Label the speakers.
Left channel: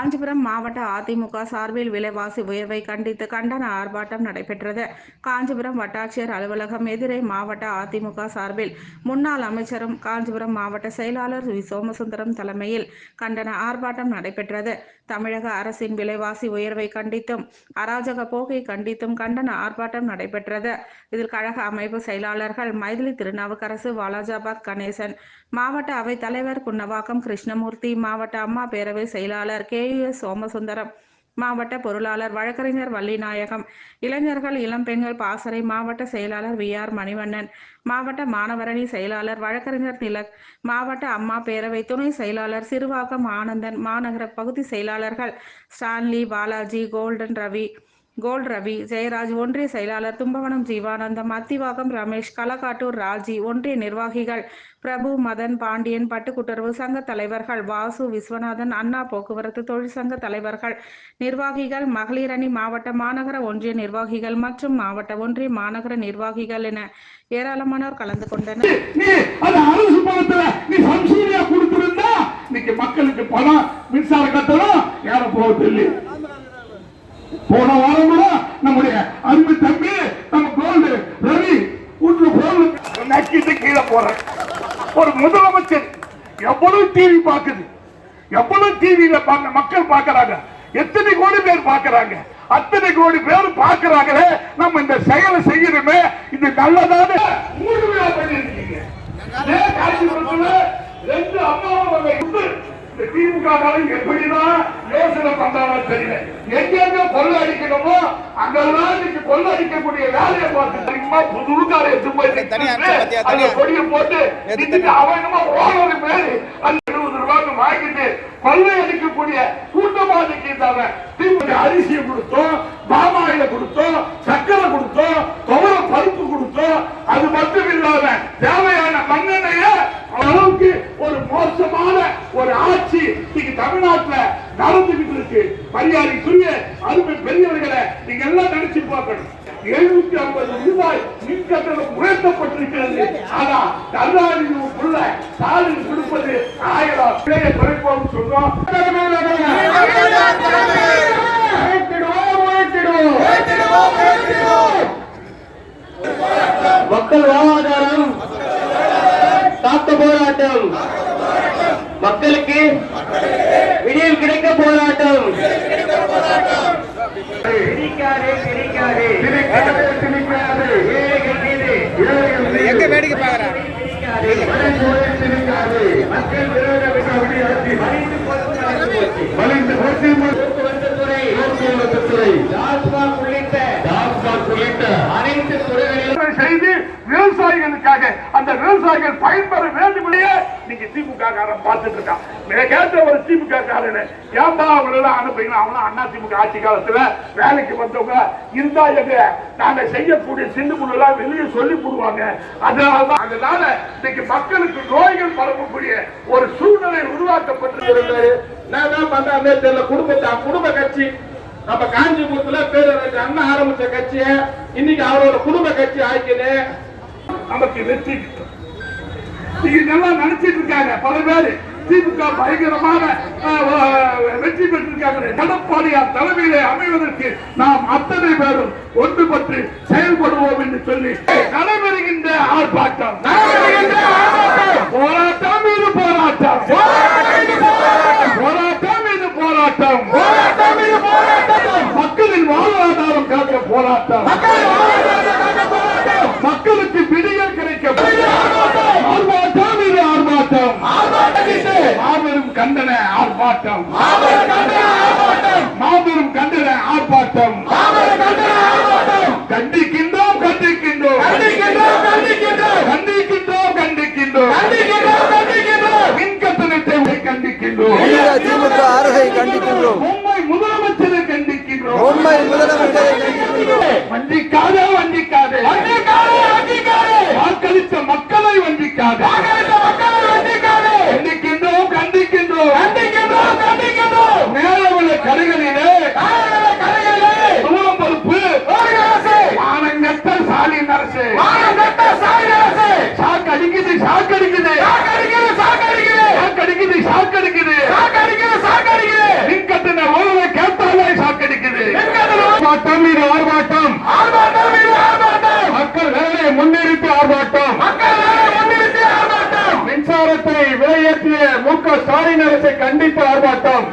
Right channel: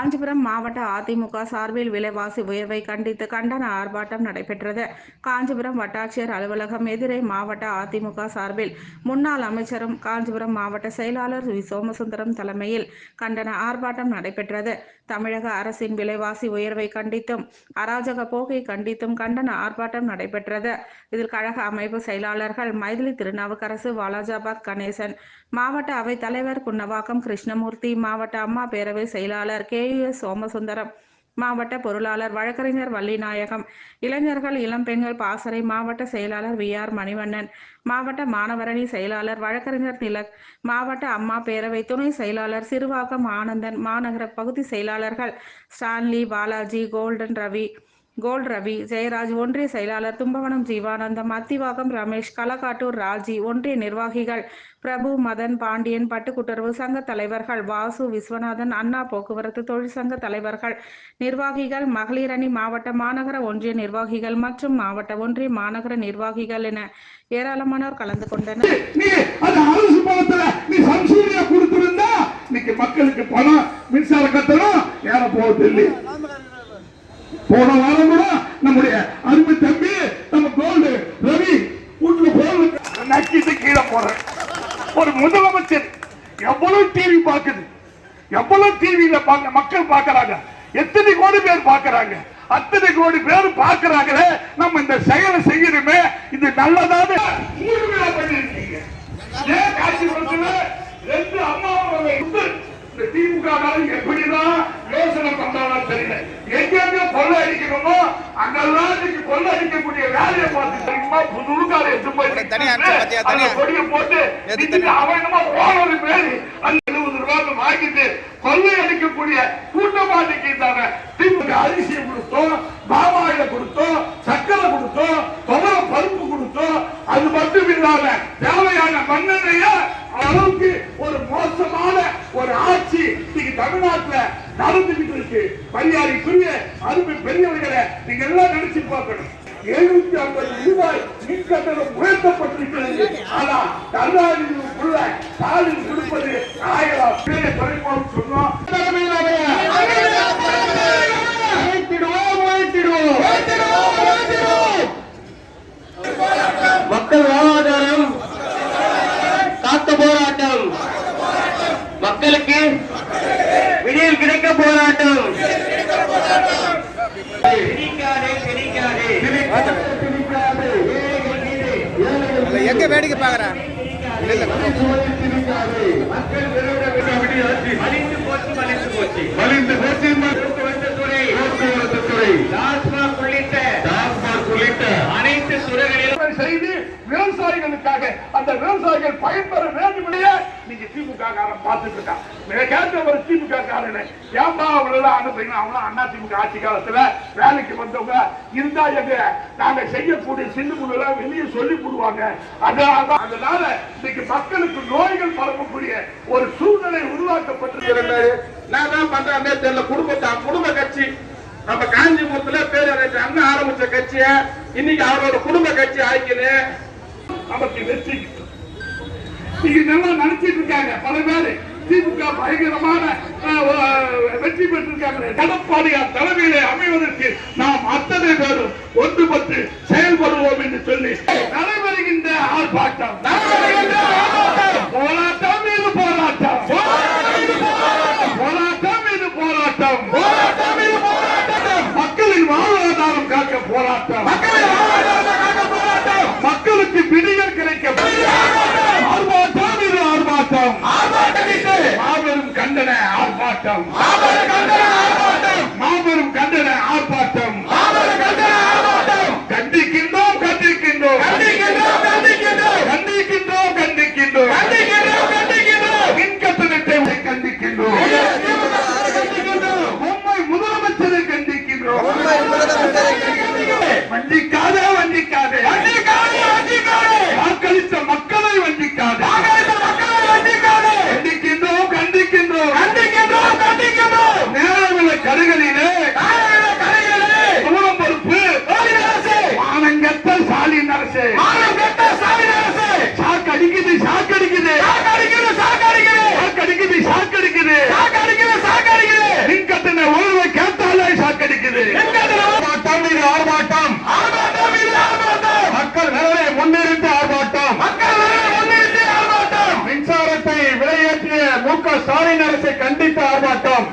Speaker 1: காஞ்சிபுரம் மாவட்ட அதிமுக சார்பில் விலைவாசி உயர்வை கண்டித்து கண்டன ஆர்ப்பாட்டம் நடைபெற்றது. காஞ்சிபுரம் வட்டாட்சியர் அலுவலகம் எதிரே மாவட்ட அதிமுக சார்பில் முன்னாள் அமைச்சரும் காஞ்சிபுரம் மாவட்ட செயலாளர் வி. சோமசுந்தரம் தலைமையில் கண்டன ஆர்ப்பாட்டம் நடைபெற்றது. தமிழக அரசின் விலைவாசி உயர்வை கண்டித்தும் அராஜக போக்கை கண்டித்தும் கண்டன ஆர்ப்பாட்டம் நடைபெற்றது. இதில் கழக அமைப்பு செயலாளர்கள் மைதிலி திருநாவுக்கரசு வாலாஜாபாத் கணேசன் மாவட்ட அவைத் தலைவர் குன்னவாக்கம் கிருஷ்ணமூர்த்தி மாவட்ட அம்மா பேரவை செயலாளர் கே. எஸ் சோமசுந்தரம். மாவட்ட பொருளாளர் வழக்கறிஞர் வள்ளிநாயகம். இளைஞர்கள் இளம்பெண்கள் பாசறை மாவட்ட செயலாளர் வி. ஆர். மணிவண்ணன். மாவட்ட மாணவரணி செயலாளர் வழக்கறிஞர் திலக். மாவட்ட அம்மா பேரவை துணை செயலாளர் சிறுவாக்கம் ஆனந்தன். மாநகர பகுதி செயலாளர்கள் ஸ்டான்லி பாலாஜி கோல்டன் ரவி. கோல் ரவி ஜெயராஜ் ஒன்றிய செயலாளர் தும்பவனம் ஜீவானந்தம் அத்திவாகம் ரமேஷ் களக்காட்டூர் ராஜி ஒன்றிய நிர்வாகிகள் பிரபு மதன் பாண்டியன் பட்டுக்குட்டுறவு சங்க தலைவர்கள் வாசு விஸ்வநாதன் அண்ணா போக்குவரத்து தொழிற்சங்க தலைவர்கள் நிர்வாகிகள் மகளிரணி மாவட்ட மாநகர ஒன்றிய நிர்வாகிகள் மற்றும் மாவட்ட ஒன்றிய மாநகர நிர்வாகிகள் என ஏராளமானோர் கலந்து கொண்டனர்.
Speaker 2: மக்களுக்கு பணம் மின்சார கட்டணம் ஏற போவது இல்லை போன வாரம் கூட நம்முடைய அன்பு தம்பி நம்ம கோல்டு ரவி வீட்டுல போன் நக்கிட்டு கீழே போடுறேன் ஒரு முதலமைச்சர் எவ்வளவு டிவி பாக்குது எவ்வளவு டிவியில மக்கள் பார்க்கறாங்க? எத்தனை கோடி பேர் பார்க்கறாங்க? அத்தனை கோடி பேர் பார்க்கறாங்களே நம்ம இந்த செயலை காலம் எப்படிதான் யோசனை பண்றாலும் தெரியல. எங்கெங்க கொள்ளை அடிக்கணுமோ அங்கெல்லாம் இன்னைக்கு கொள்ளை அடிக்கக்கூடிய வேலையை பார்த்து தெரியுமா? புது காலை எடுத்து போய்
Speaker 3: உனக்கு தனியா தனியா?
Speaker 2: கொடியை போட்டு
Speaker 3: நேத்து
Speaker 2: இன்னைக்கு
Speaker 3: தனியா?
Speaker 2: அவன் என்னமோ ஓவர் பேரு எழுபது ரூபாய்க்கு வாங்கிட்டு கொள்ளை அடிக்கக்கூடிய கூட்டமா இன்னைக்கு அரிசியை கொடுத்தோம் பாமாயில கொடுத்தோம் நடந்துகிட்டு இருக்கு. மரியாதைக்குரிய அருமை பெரியவர்களை நீங்க எல்லாம் நினைச்சு பார்க்கணும். எழுநூத்தி ஐம்பது ரூபாய் மின் கட்டணம் உயர்த்தப்பட்டிருக்கிறது ஆனா கருணாநிதிக்குள்ள ஸ்டாலின் கொடுப்பது ஆயிரம் விலையை குறைப்போம் சொல்றோம்.
Speaker 4: மக்கள் வாழ்வாதாரம் விடுவிக்க போராட்டம்.
Speaker 3: எங்க வேடிக்கை பாக்குற
Speaker 4: மலிந்து போச்சு துறை உள்ளிட்ட அனைத்து துறைகளிலும்
Speaker 2: செய்து விவசாயிகளுக்காக விவசாயிகள் பயன்பெற வேண்டும் நீங்க திமுக காரன் பார்த்துட்டு இருக்கான் மிக கேட்ட ஒரு திமுக காரன் ஏன்பா அவங்களெல்லாம் அனுப்புறீங்க? அவங்க அண்ணா திமுக ஆட்சி காலத்துல வேலைக்கு வந்தவங்க இருந்தா எங்க? நாங்க செய்யக்கூடிய சிந்து எல்லாம் வெளியே சொல்லி போடுவாங்க அதனாலதான் அதனால இன்னைக்கு மக்களுக்கு நோய்கள் பரவக்கூடிய ஒரு சூழ்நிலை உருவாக்கப்பட்டிருக்கிறது நான் தான் பண்றேன். தெரியல. குடும்பத்தை குடும்ப கட்சி. நம்ம காஞ்சிபுரத்துல பேரறிஞர் அண்ணா ஆரம்பிச்ச கட்சிய இன்னைக்கு அவரோட குடும்ப கட்சி ஆக்கினு. நமக்கு வெற்றி. நீங்க நல்லா நினைச்சிட்டு இருக்காங்க. பல பேரு திமுக பயங்கரமான வெற்றி பெற்றிருக்காங்க எடப்பாடியார் தலைமையிலே அமைவதற்கு நாம் அத்தனை பேரும் ஒன்றுபட்டு செயல்படுவோம் என்று சொல்லி நடைபெறுகின்ற ஆர்ப்பாட்டம். போராட்டம் போராட்டம் இது போராட்டம் போராட்டம் இது போராட்டம் மக்களின் வாழ்வாதாரம் காக்க போராட்டம் மக்களுக்கு விடியல் கிடைக்க ஆர்ப்பாட்டம் இது ஆர்ப்பாட்டம் மாபெரும் கண்டன ஆர்ப்பாட்டம். மாபெரும் கண்டன ஆர்ப்பாட்டம். கண்டிக்கின்றோம் கண்டிக்கின்றோம். கண்டிக்கின்றோம் கண்டிக்கின்றோம். கண்டிக்கின்றோம் கண்டிக்கின்றோம். கண்டிக்கின்றோம் கண்டிக்கின்றோம் மின்கட்டணத்தை கண்டிக்கின்றோம்.
Speaker 5: ஸ்டாலின் அரசை கண்டிப்பு ஆர்ப்பாட்டம்.